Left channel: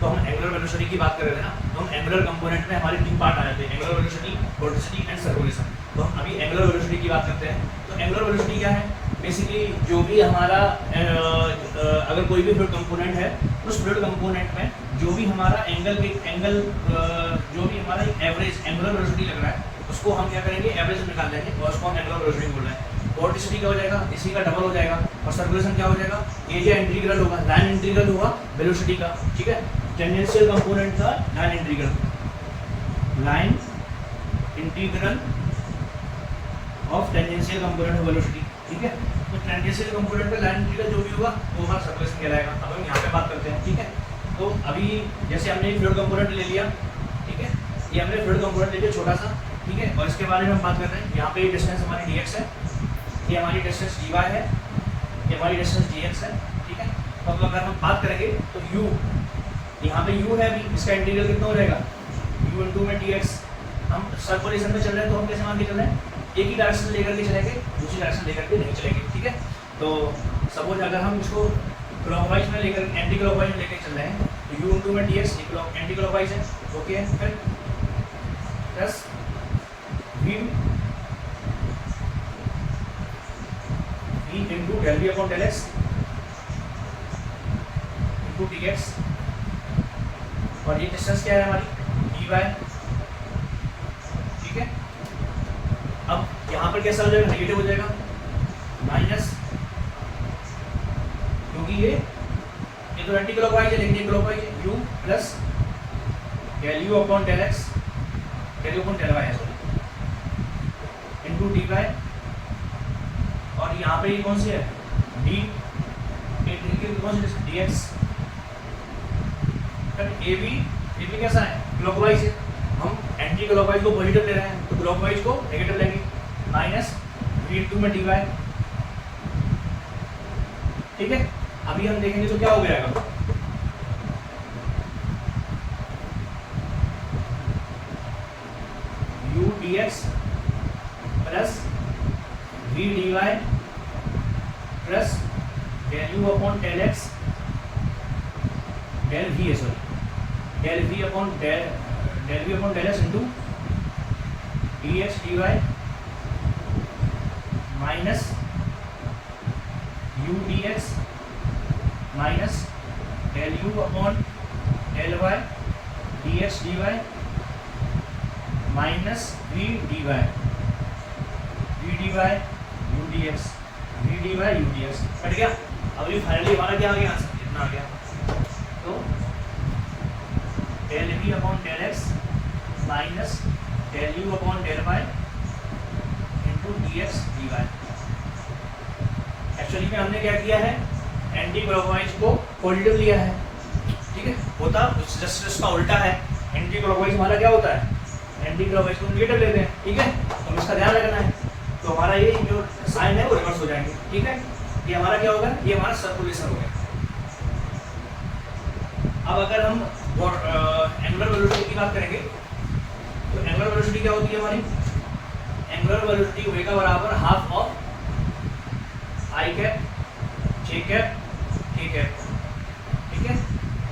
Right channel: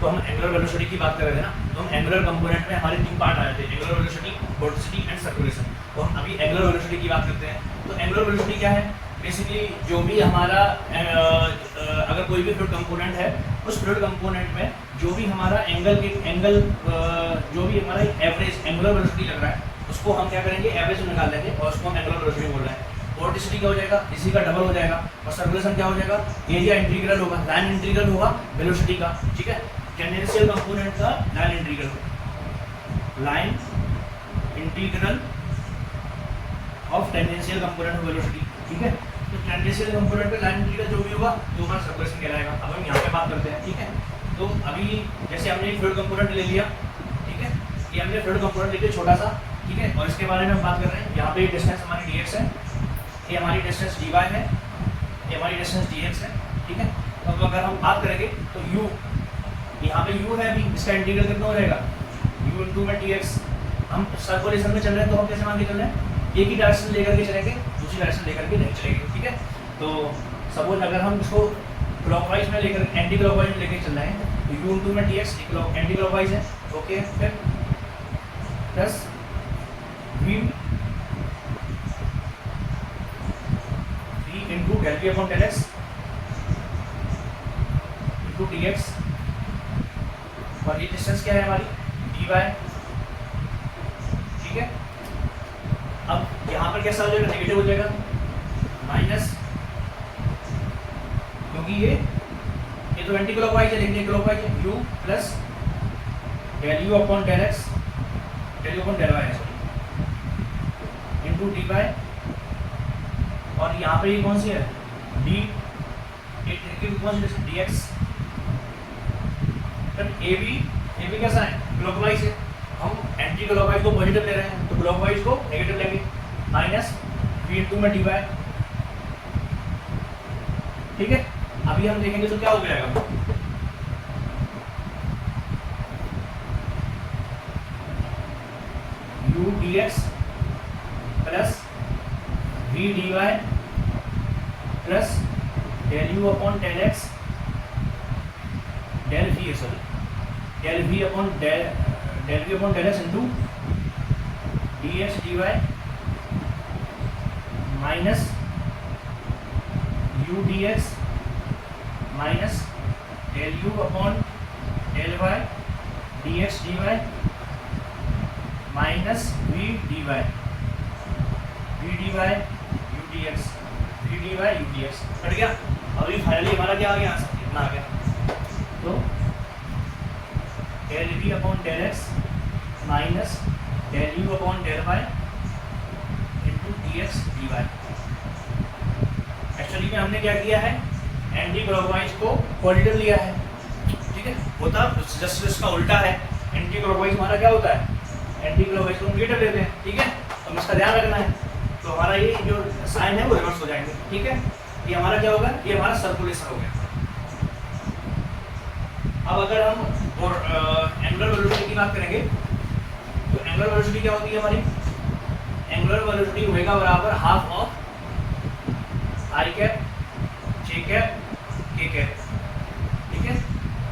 तो हम angular velocity की बात कर रहे थे ना, तो हम एंगुलर कंपोनेंट में हमारे 3 पार्ट आए थे, angular velocity, vorticity and circulation. तो हम अभी एंगुलर वेलोसिटी की बात करते हैं। तो एंगुलर वेलोसिटी क्या है? बेसिकली जो भी हमारा अगर कोई भी फ्लूइड कंपोनेंट है, उस फ्लूइड कंपोनेंट में जो भी हमारा जो भी हमारा एवरेज एंगुलर वेलोसिटी लग रहा है, उसको हम क्या करेंगे, एवरेज निकाल लेंगे और उसको हम एंगुलर वेलोसिटी बोल रहे हैं। वोर्टिसिटी क्या हो जाएगा, इसी का डबल हो जाएगा। और सर्कुलेशन क्या हो जाएगा, एरिया इंटीग्रल होगा, लाइन इंटीग्रल होगा वेलोसिटी का, ठीक है। टेंजेंशियल कंपोनेंट का line integral of tangential component of velocity, ठीक है। तो टेंजेंशियल कंपोनेंट पे लाइन इंटीग्रल जो भी होगा वो हमारा सर्कुलेशन कहलाएगा। अब हम यहाँ पे बात करते हैं, ठीक है। तो अभी जैसे हमने फ्लूइड कंपोनेंट ले लिया, ठीक है, ये हमने फ्लूइड कंपोनेंट ले लिया छोटा सा, ठीक है, और इसके बारे में हम बात कर रहे हैं। यहाँ पे डिस्टेंस हमारी dx है, ये हमारी डिस्टेंस dy है, ये हमारी डिस्टेंस dx है, ठीक है। अब अगर हम बात करेंगे तो u, यहाँ पे u है अभी, इसका इंटीग्रल कितना हो जाएगा, u इंटू में dx। हम सर्कुलेशन में चल रहे हैं तो हम कैसे मान के चल रहे हैं, एक ही डायरेक्शन लेकर के चलेंगे, दूसरी डायरेक्शन लेकर के नहीं चलेंगे, ठीक है। तो सपोज अगर हम इसको क्लॉकवाइज में लेकर एंटी क्लॉकवाइज में लेकर चल रहे हैं तो u इंटू में dx एंटी क्लॉकवाइज है, ओके। फिर plus v into del V upon del X into D X, और ये डिस्टेंस क्या है हमारी dy, ठीक है। अब यहाँ पर कैसा हो जाएगा, नेगेटिव हो जाएगा, माइनस, क्योंकि ये तो एंटी क्लॉकवाइज है लेकिन ये क्लॉकवाइज है, u plus del U upon del X, del U upon del Y है सॉरी, इंटू डी वाई। और यहाँ पे ये कौन सी है, डी, कौन सी डी एक्स। ए भी कैसा है, क्लॉकवाइज है, हम एंटी क्लॉकवाइज को पॉजिटिव ले रहे हैं तो क्लॉकवाइज को नेगेटिव लेंगे, माइनस v इंटू में डी वाई, ठीक है। अभी हम देखेंगे तो क्या हो जाएगा, u dx plus v dy plus del U upon del X del v है sorry, del v upon del X into D X D Y minus u dx minus del U upon del Y D X D Y minus v dy u dx v dy u dx cut गया। अभी finally हमारा क्या आ गया, इतना आ गया। तो del v upon del x minus del U upon del Y into D X D Y. Actually में हमने क्या किया है, एंटी क्लॉकवाइज को पॉजिटिव लिया है, ठीक है। होता जस्ट इसका उल्टा है, एंटी क्लॉकवाइज हमारा क्या होता है, एंटी क्लॉकवाइज को नेगेटिव लेते हैं, ठीक है। तो इसका ध्यान रखना है। तो हमारा ये जो साइन है वो रिवर्स हो जाएंगे, ठीक है। ये हमारा क्या होगा, ये हमारा सर्कुलेशन हो गया। अब अगर हम एंगुलर वेलोसिटी की बात करेंगे तो एंगुलर वेलोसिटी क्या होती है हमारी, एंगुलर वेलोसिटी ओमेगा बराबर half of I cap J cap K cap, ठीक है।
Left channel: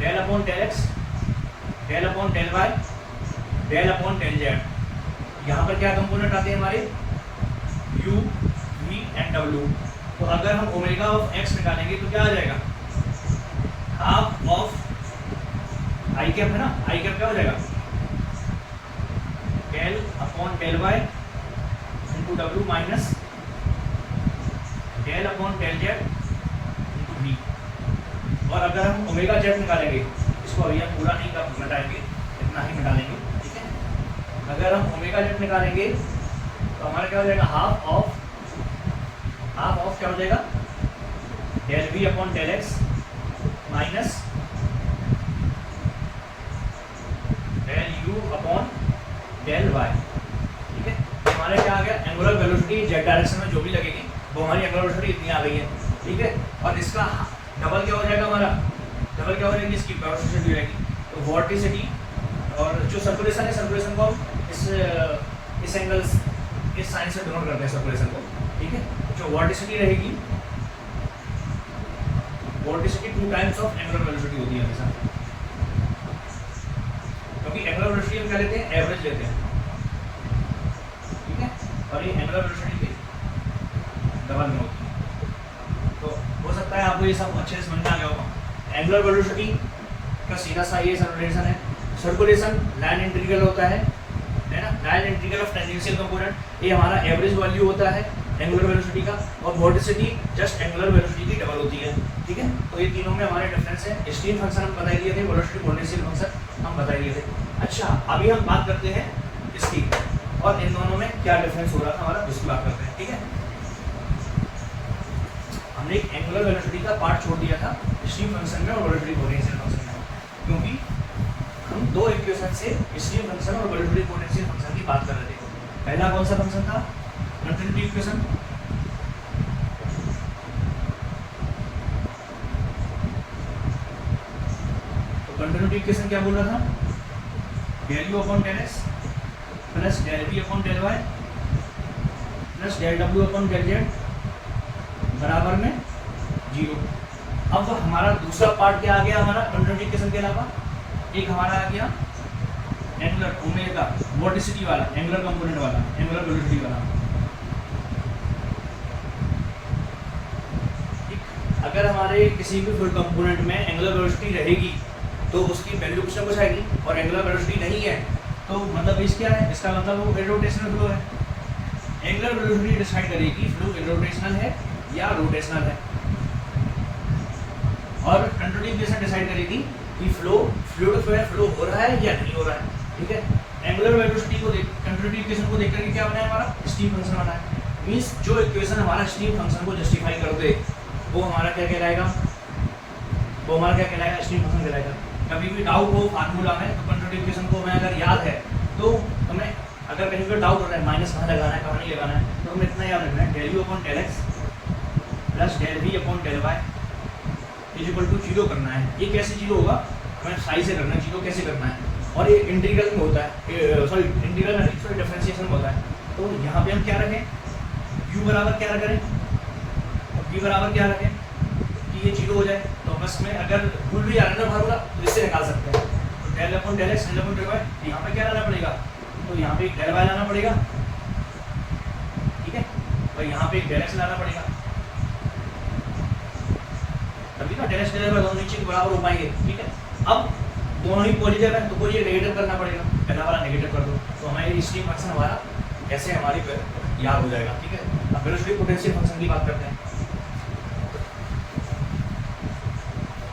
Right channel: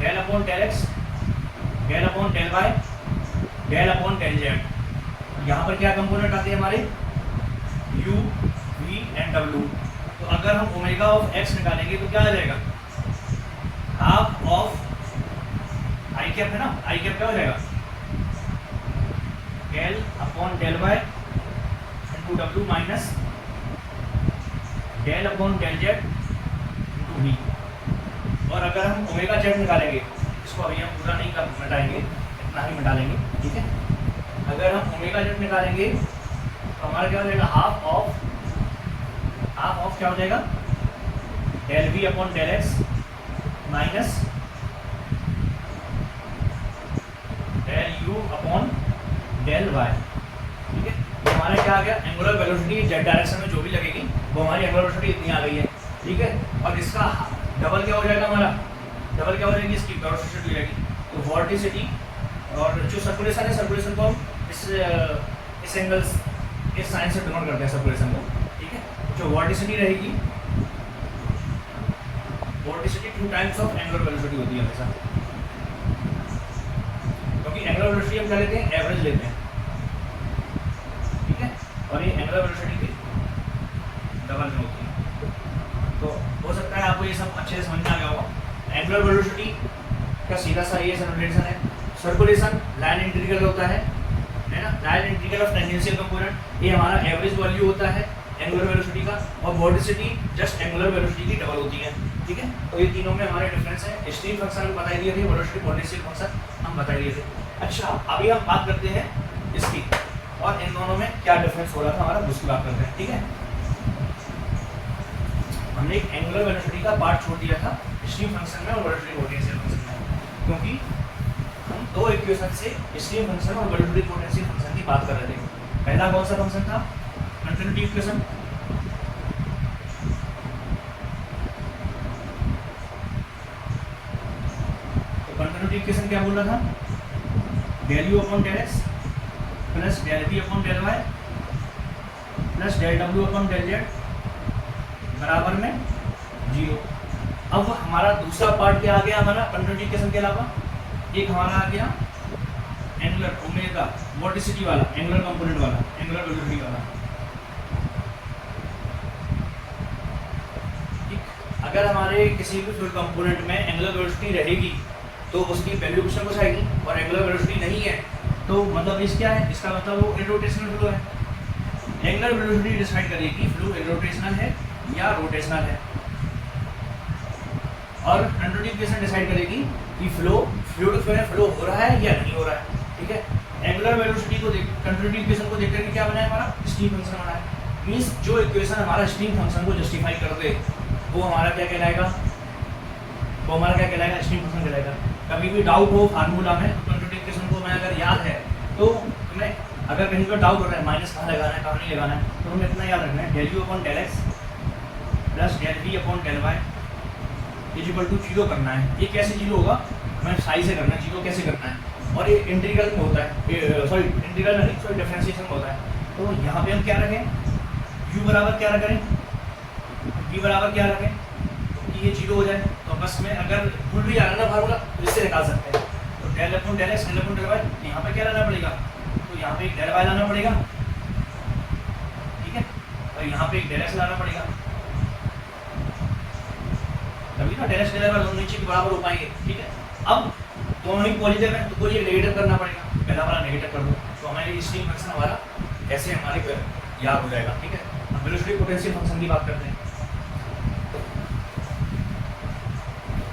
Del upon del X, del upon del Y, del upon del Z. यहाँ पर क्या कंपोनेंट आते हैं हमारे, u v एंड w। तो अगर हम ओमेगा ऑफ x निकालेंगे तो क्या आ जाएगा, हाफ ऑफ आई कैप है ना, आई कैप क्या हो जाएगा, del upon del Y into w minus del upon del Z into v। और अगर हम ओमेगा जेड निकालेंगे, इसको अभी हम पूरा नहीं मिटाएंगे, इतना ही मिटा लेंगे, ठीक है। अगर हम ओमेगा जेड निकालेंगे तो हमारा क्या हो जाएगा, हाफ ऑफ क्या हो जाएगा, del V upon del x minus del U upon del Y, ठीक है। तो हमारे क्या आ गया, एंगुलर वेलोसिटी जेड डायरेक्शन में जो भी लगेगी वो हमारी एंगुलर वेलोसिटी इतनी आ गई है, ठीक है। और इसका डबल क्या हो जाएगा, हमारा डबल क्या हो जाएगी, इसकी वेलोसिटी हो जाएगी। तो वोर्टिसिटी और जो सर्कुलेशन है, सर्कुलेशन को इस एंगल इस साइन से डिनोट करते हैं सर्कुलेशन को, ठीक है। जो वोर्टिसिटी रहेगी, vorticity 2 times of angular velocity होती है हमेशा, क्योंकि एंगुलर वेलोसिटी हम क्या लेते हैं, एवरेज लेते हैं, ठीक है, और ये एंगुलर वेलोसिटी की डबल में होती है। तो हो सकता है आपको ये सब अच्छे से समझ में आ गया होगा। एंगुलर वेलोसिटी का सीधा सा ये सर्कुलेशन है, सर्कुलेशन लाइन इंटीग्रल होता है ना, line integral of tangential component, ये हमारा एवरेज वैल्यू होता है एंगुलर वेलोसिटी का, और वोर्टिसिटी जस्ट एंगुलर वेलोसिटी की डबल होती है, ठीक है। तो ये तीनों में हमारे डिफरेंस है। स्ट्रीम फंक्शन हम बता दिए थे, वेलोसिटी पोटेंशियल फंक्शन हम बता दिए थे। अच्छा, अभी हम बात करते हैं इसकी, और इन दोनों में क्या डिफरेंस हो रहा था हमारा, उसकी बात करते हैं, ठीक है। हमने एक एंगुलर वेलोसिटी का पार्ट छोड़ दिया था स्ट्रीम फंक्शन में और वेलोसिटी पोटेंशियल फंक्शन में, क्योंकि हम दो इक्वेशन से स्ट्रीम फंक्शन और वेलोसिटी पोटेंशियल फंक्शन की बात कर रहे थे। पहला कौन सा फंक्शन था, कंटिन्यूटी इक्वेशन, तो कंटिन्यूटी इक्वेशन क्या बोल रहा था, del U upon del X plus del B upon del Y plus del W upon del Z बराबर में 0। अब हमारा दूसरा पार्ट क्या आ गया हमारा कंटिन्यूटी इक्वेशन के अलावा, एक हमारा आ गया एंगुलर ओमेगा वोर्टिसिटी वाला, एंगुलर कंपोनेंट वाला, एंगुलर वेलोसिटी वाला। अगर हमारे किसी भी फ्लूइड कंपोनेंट में एंगुलर वेलोसिटी रहेगी तो उसकी वैल्यू कुछ ना कुछ आएगी, और एंगुलर वेलोसिटी नहीं है तो मतलब इस क्या है, इसका मतलब वो इरोटेशनल फ्लो है। एंगुलर वेलोसिटी डिसाइड करेगी फ्लो इरोटेशनल है या रोटेशनल है, और कंटिन्यूटी इक्वेशन डिसाइड करेगी कि फ्लो फ्लूइड फ्लो हो रहा है या नहीं हो रहा है, ठीक है। एंगुलर वेलोसिटी को देख, कंटिन्यूटी इक्वेशन को देख करके क्या बना है हमारा, स्ट्रीम फंक्शन बना है। मींस जो इक्वेशन हमारा स्ट्रीम फंक्शन को जस्टिफाई कर दे वो हमारा क्या कहलाएगा, वो हमारा क्या कहलाएगा, स्ट्रीम फंक्शन कहलाएगा। कभी भी डाउट हो फार्मूला में तो कंटिन्यूटी इक्वेशन को हमें अगर याद है तो हमें अगर कहीं पर डाउट हो रहा है माइनस कहाँ लगाना है कहाँ नहीं लगाना है, तो हमें इतना याद रखना है, del U upon del X plus del V upon del Y is equal to 0 करना है। ये कैसे 0 होगा, हमें साई से करना है, 0 कैसे करना है, और ये इंटीग्रल में होता है, सॉरी इंटीग्रल नहीं, सॉरी डिफरेंशिएशन में होता है। तो यहाँ पे हम क्या रखें, u बराबर क्या रखें, v बराबर क्या रखें कि ये 0 हो जाए। तो बस में अगर भूल भी जा रहा है ना फार्मूला तो इससे निकाल सकते हैं। तो del upon del X del upon del Y, यहाँ पे क्या लाना पड़ेगा, तो यहाँ पे एक डेल वाई लाना पड़ेगा, ठीक है, और यहाँ पे एक डेल एक्स लाना पड़ेगा, तभी ना डेल एक्स डेल वाई दोनों नीचे के बराबर हो पाएंगे, ठीक है। अब दोनों ही पॉजिटिव है तो कोई एक नेगेटिव करना पड़ेगा, पहला वाला नेगेटिव कर दो तो हमारे स्ट्रीम फंक्शन हमारा ऐसे हमारे पर याद हो जाएगा, ठीक है। अब वेलोसिटी पोटेंशियल फंक्शन की बात करते हैं।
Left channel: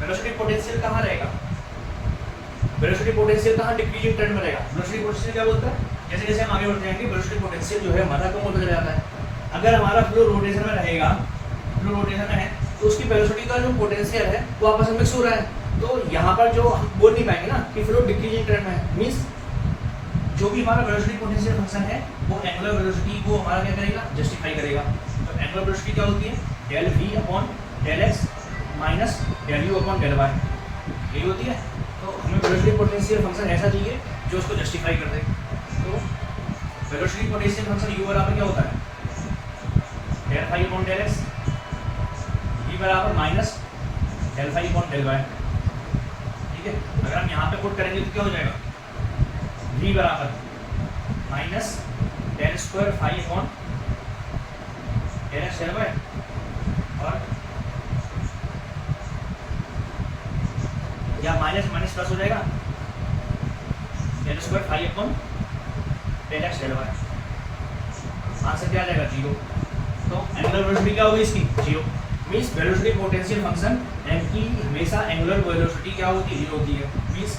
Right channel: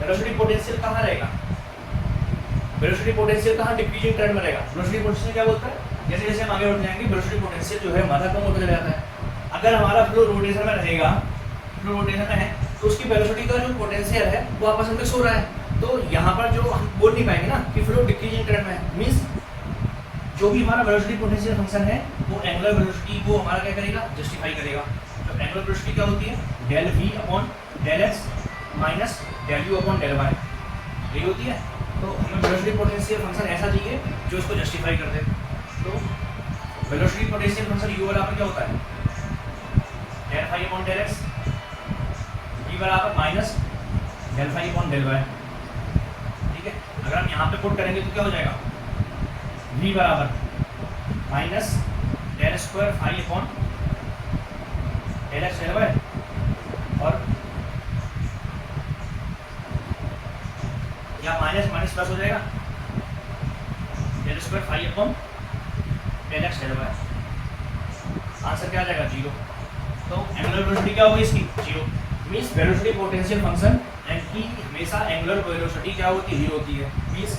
वेलोसिटी पोटेंशियल कहाँ रहेगा, वेलोसिटी पोटेंशियल कहाँ डिक्रीजिंग ट्रेंड में रहेगा। वेलोसिटी पोटेंशियल क्या बोलता है, जैसे जैसे हम आगे बढ़ते जाएंगे वेलोसिटी पोटेंशियल जो है हमारा कम होता जाता है। अगर हमारा फ्लो रोटेशन में रहेगा, फ्लो रोटेशन में है तो उसकी वेलोसिटी का जो पोटेंशियल है वो आपस में मिक्स हो रहा है, तो यहाँ पर जो हम बोल नहीं पाएंगे ना कि फ्लो डिक्रीजिंग ट्रेंड में है। मीन्स जो भी हमारा वेलोसिटी पोटेंशियल फंक्शन है वो एंगुलर वेलोसिटी को हमारा क्या करेगा, जस्टिफाई करेगा। तो एंगुलर वेलोसिटी क्या होती है, del V upon del x minus del U upon del Y, यही होती है। तो हमें वेलोसिटी पोटेंशियल फंक्शन ऐसा चाहिए जो उसको जस्टिफाई कर दे। तो वेलोसिटी पोटेंशियल फंक्शन u बराबर क्या होता है, del phi upon del X, v बराबर minus del phi upon del Y, ठीक है। अगर हम यहाँ पे पुट करेंगे तो क्या हो जाएगा, v बराबर minus del square phi upon del X del Y, और या माइनस माइनस प्लस हो जाएगा del square phi upon del X del Y, answer क्या आ जाएगा 0। तो एंगुलर वेलोसिटी क्या होगी इसकी, 0। मीन्स वेलोसिटी पोटेंशियल फंक्शन की हमेशा एंगुलर वेलोसिटी क्या होती है, 0 होती है। मीन्स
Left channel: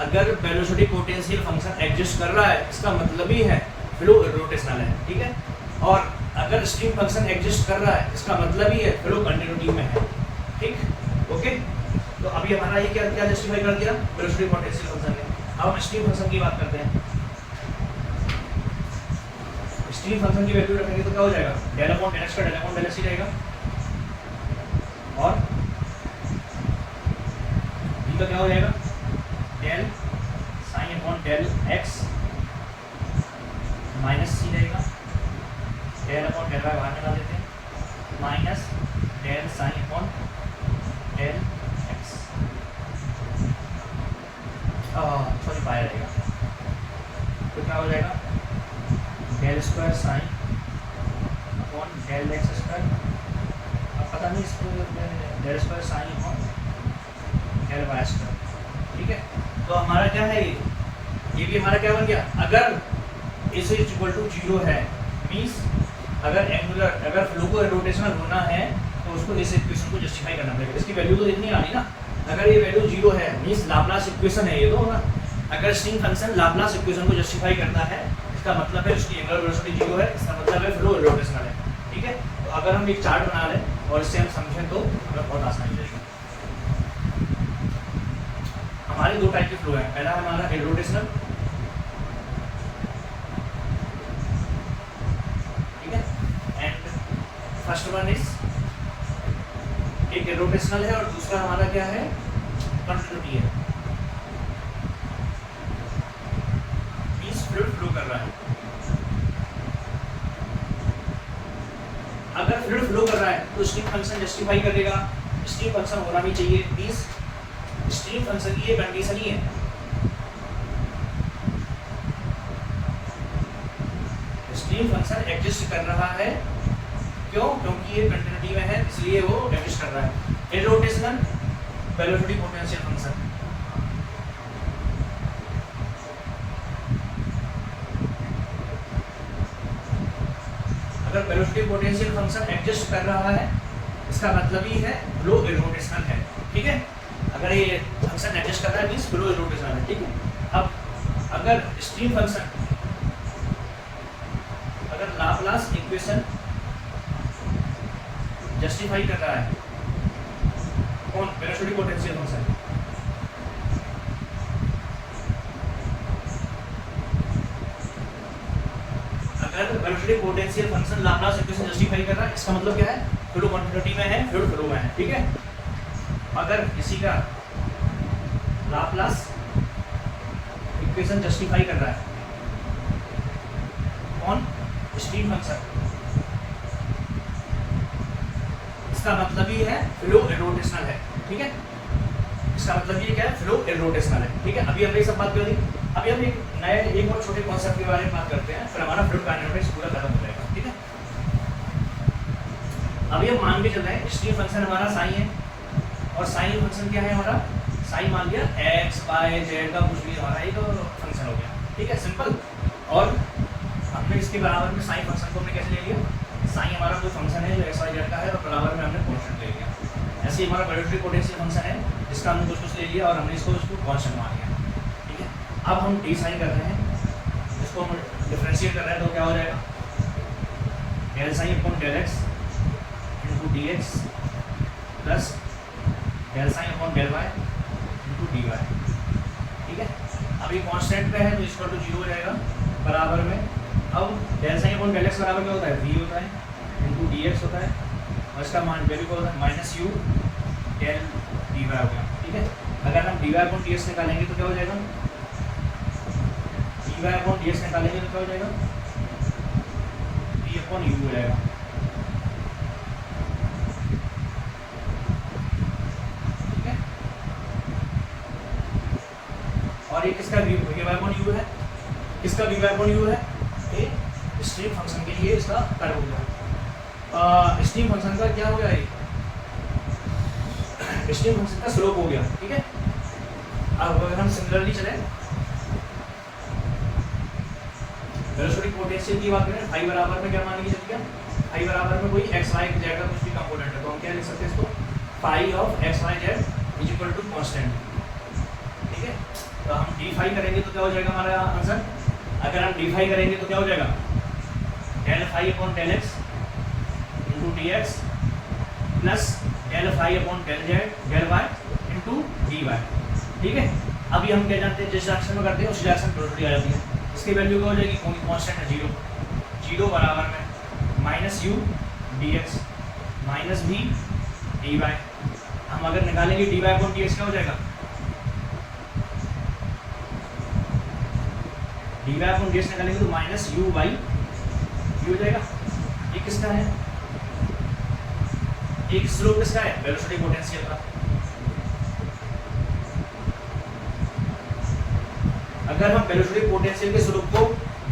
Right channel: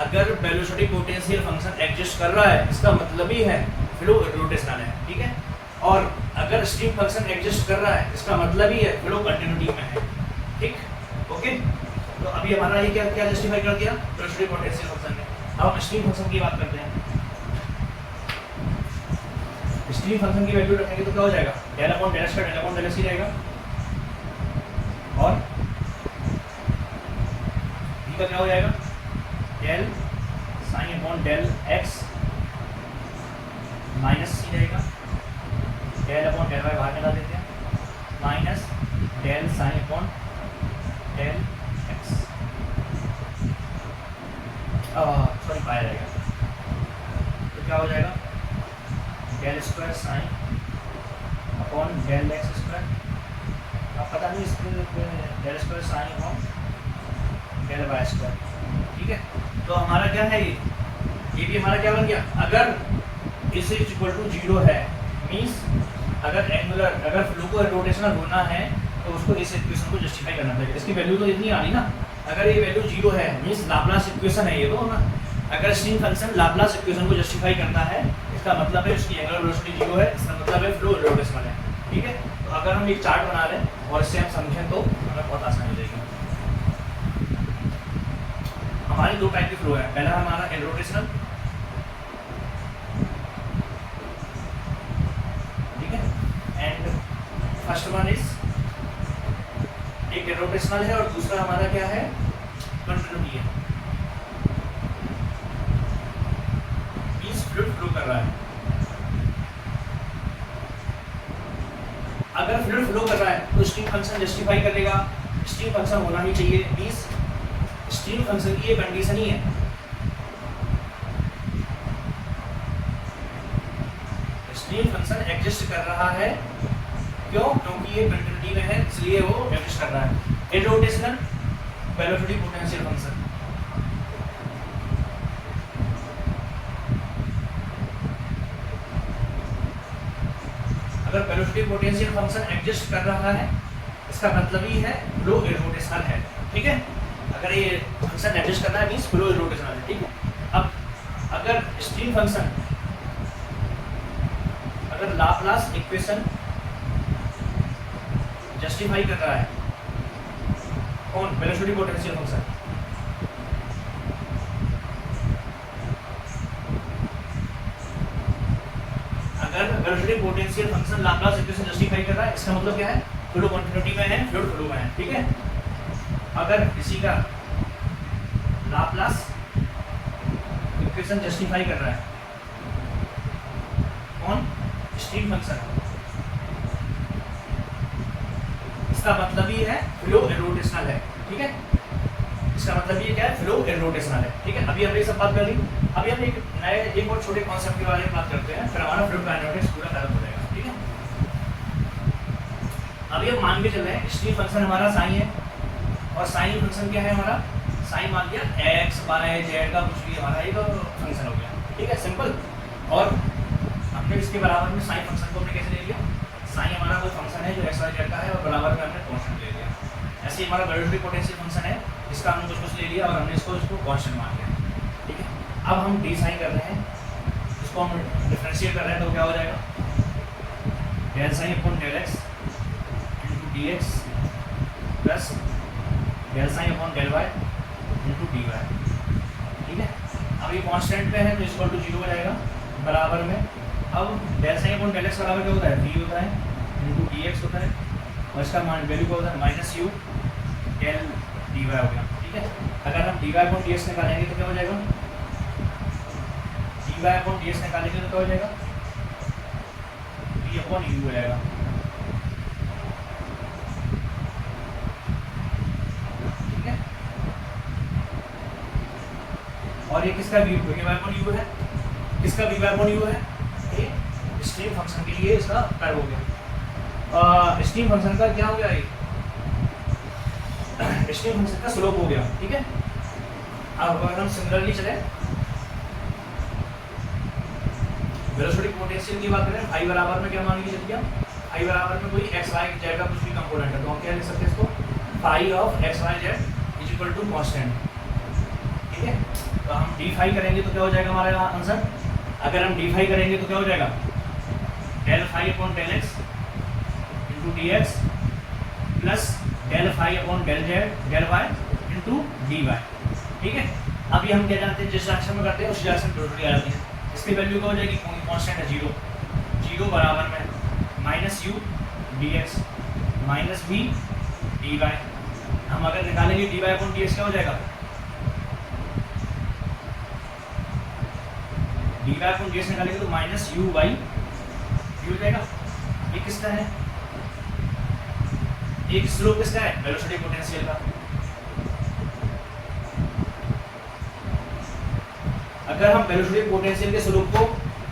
अगर वेलोसिटी पोटेंशियल फंक्शन एग्जिस्ट कर रहा है इसका मतलब ही है फ्लो रोटेशनल है, ठीक है। और अगर स्ट्रीम फंक्शन एग्जिस्ट कर रहा है इसका मतलब ही है फ्लो कंटिन्यूटी में है, ठीक, ओके। तो अभी हमारा ये क्या क्या जस्टिफाई कर दिया वेलोसिटी पोटेंशियल फंक्शन ने। अब हम स्ट्रीम फंक्शन की बात करते हैं। स्ट्रीम फंक्शन की वैल्यू रखेंगे तो क्या हो जाएगा, डेल अपॉन डेल एक्स का डेल अपॉन डेल एक्स ही रहेगा, और v का क्या हो जाएगा, del sign upon del x minus C रहेगा, डेल अपॉन डेल वाई बाहर निकाल देते हैं, minus del sign upon del x, sorry बाहर रहेगा, square sine upon del x square, अब पता नहीं इसको del square sine upon del y square, ठीक है। तो हमारा क्या है, ये भी हमारा क्या बन गया, अगर इस इक्वल टू 0 है मीन्स अगर एंगुलर, अगर फ्लो को रोटेशनल होना है तो उसको इस इक्वेशन को जस्टिफाई करना पड़ेगा। इसकी वैल्यू तो इतनी आनी ना, अगर ये वैल्यू 0 है मीन्स लाप्लास इक्वेशन है ये तो ना, अगर स्ट्रिंग फंक्शन लाप्लास इक्वेशन को जस्टिफाई करता है इसका मतलब है उसकी एंगुलर वेलोसिटी 0 है, इसका मतलब है फ्लो रोटेशनल है, ठीक है। तो अगर हम एक चार्ट बना लें और इससे हम समझें तो हमें बहुत आसानी हो जाएगी। हमारे दो टाइप के फ्लो है, पहला हमारा इरोटेशनल, ठीक है, एंड फर्स्ट वन इज एक इरोटेशनल है और दूसरा हमारा क्या है, कंटिन्यूटी है, इस फ्लूइड फ्लो कर रहा है। अगर फ्लूइड फ्लो कर रहा है तो स्ट्रीम फंक्शन जस्टिफाई करेगा, स्ट्रीम फंक्शन होना ही चाहिए, मींस स्ट्रीम फंक्शन की ये कंडीशन ही है। स्ट्रीम फंक्शन एग्जिस्ट कर रहा है, क्यों? क्योंकि ये कंटिन्यूटी में है इसलिए वो एग्जिस्ट कर रहा है। इरोटेशनल वेलोसिटी पोटेंशियल फंक्शन, अगर वेलोसिटी पोटेंशियल फंक्शन एग्जिस्ट कर रहा है इसका मतलब ही है फ्लो इरोटेशनल है, ठीक है। अगर ये फंक्शन एडजस्ट करना है मींस फ्लो रोटेशनल है, ठीक है। अब अगर स्ट्रीम फंक्शन अगर लाप्लास इक्वेशन जस्टिफाई कर रहा है, कौन? Velocity potential function. अगर velocity potential function Laplace equation justify कर रहा है इसका मतलब क्या है, फ्लो कंटिन्यूटी में है, फ्लूइड फ्लो में है, ठीक है। अगर किसी का लाप्लास इक्वेशन जस्टिफाई कर रहा है, कौन? स्ट्रीम फंक्शन, इसका मतलब ही है फ्लो इरोटेशनल है, ठीक है। इसका मतलब ये क्या है, फ्लो इरोटेशनल है, ठीक है। अभी हमने सब बात कर ली, अभी हम एक नए एक और छोटे कॉन्सेप्ट के बारे में बात करते हैं, फिर हमारा फ्लूइड काइनेटिक्स पूरा खत्म हो जाएगा, ठीक है। अभी हम मान के चल रहे हैं स्ट्रीम फंक्शन हमारा साइन है, और साइन फंक्शन क्या है हमारा, साइन मान लिया एक्स वाई जेड का कुछ भी हमारा एक फंक्शन हो गया, ठीक है, सिंपल। और हमने इसके बराबर में साइन फंक्शन को हमने कैसे ले लिया, साइन हमारा कोई फंक्शन है जो एक्स वाई जेड का है और बराबर में हमने कांस्टेंट ले लिया। ऐसे ही हमारा वेलोसिटी पोटेंशियल फंक्शन है जिसका हमने कुछ ले लिया और हमने इसको कांस्टेंट मान लिया, ठीक है। अब हम डी साइन कर रहे हैं, इसको हम डिफरेंशिएट कर रहे हैं तो क्या हो जाएगा, del sign upon del X into D X plus del sign upon del Y into D Y, ठीक है। अब ये कांस्टेंट पे है तो इक्वल टू 0 हो जाएगा बराबर में। अब del sign upon del X बराबर क्या होता है, v होता है इंटू डी एक्स होता है और इसका मान वैल्यू क्या होता है, minus U del D Y हो गया, ठीक है। अगर हम D Y upon D X निकालेंगे तो क्या हो जाएगा, D Y upon D X निकालेंगे तो क्या हो जाएगा, v अपॉन यू हो जाएगा, ठीक है। और ये किसका v वाई अपॉन यू है, किसका v वाई अपॉन यू है, ये स्ट्रीम फंक्शन के लिए इसका कर्व हो गया। स्ट्रीम फंक्शन का क्या हो गया, ये स्ट्रीम फंक्शन का स्लोप हो गया, ठीक है। अब अगर हम सिमिलरली चले वेलोसिटी पोटेंशियल की बात करें, फाई बराबर में क्या मान लीजिए, जब फाई बराबर में कोई एक्स वाई जेड का कुछ भी कंपोनेंट है तो हम क्या लिख सकते हैं इसको, phi of X Y Z is equal to constant, ठीक है। तो हम डी फाई करेंगे तो क्या हो जाएगा हमारा आंसर, अगर हम डी फाई करेंगे तो क्या हो जाएगा, del phi upon del X into D X plus del phi upon del Z del Y into D Y, ठीक है। अभी हम क्या जानते हैं, जिस डायरेक्शन में करते हैं उस डायरेक्शन वेलोसिटी आ जाती है। इसकी वैल्यू क्या हो जाएगी, कांस्टेंट है 0, 0 बराबर में minus U D X minus V D Y. हम अगर निकालेंगे D Y upon D X क्या हो जाएगा, D Y upon D X निकालेंगे तो माइनस यू वाई हो जाएगा। ये किसका है, एक स्लोप किसका है, वेलोसिटी पोटेंशियल का। अगर हम वेलोसिटी पोटेंशियल के स्लोप को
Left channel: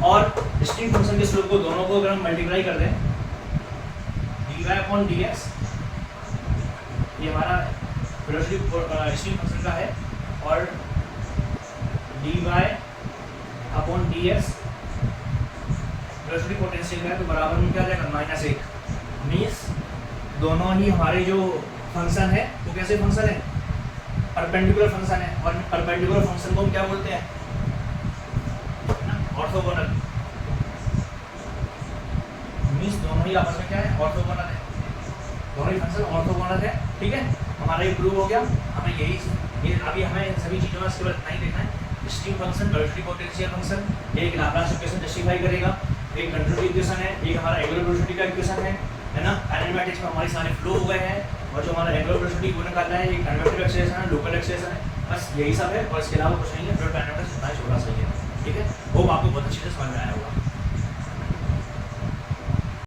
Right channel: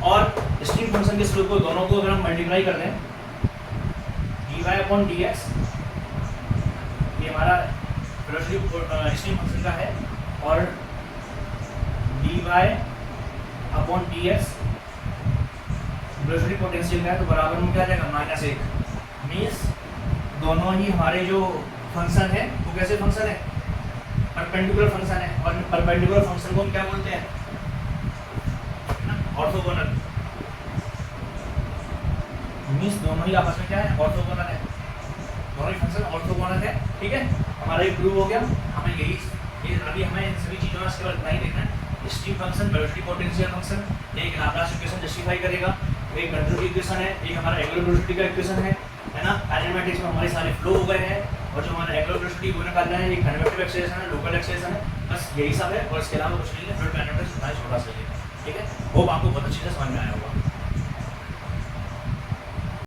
और स्ट्रीम फंक्शन के स्लोप को दोनों को अगर हम मल्टीप्लाई कर दें dy/dx, ये हमारा वेलोसिटी स्ट्रीम फंक्शन का है, और dy/dx वेलोसिटी पोटेंशियल का है, तो बराबर में क्या जाएगा -1। मीन्स दोनों ही हमारे जो फंक्शन है वो कैसे फंक्शन है, परपेंडिकुलर फंक्शन है, और परपेंडिकुलर फंक्शन को हम क्या बोलते हैं ना, ऑर्थोगोनल। मीन्स दोनों ही आपस में क्या है, ऑर्थोगोनल है, दोनों ही फंक्शन ऑर्थोगोनल है। ठीक है, हमारा ये प्रूव हो गया। हमें ये अभी हमें इन सभी चीज़ों में इसके बाद नहीं देखना है। Stream function, velocity potential function, एक लाप्लास इक्वेशन जस्टिफाई करेगा, एक कंट्रोल की इक्वेशन है, एक हमारा एंगुलर वेलोसिटी का इक्वेशन है ना। काइनेमैटिक्स में हमारे सारे फ्लो हो गए हैं, और जो हमारा एंगुलर वेलोसिटी वो निकालना है, ये कन्वेक्टिव एक्सेलरेशन है, लोकल एक्सेलरेशन है, बस यही सब है, और इसके अलावा कुछ नहीं है। फ्लूइड काइनेमैटिक्स इतना ही छोटा सा ही है। ठीक है, होप आपको बहुत अच्छे से समझ में आया होगा।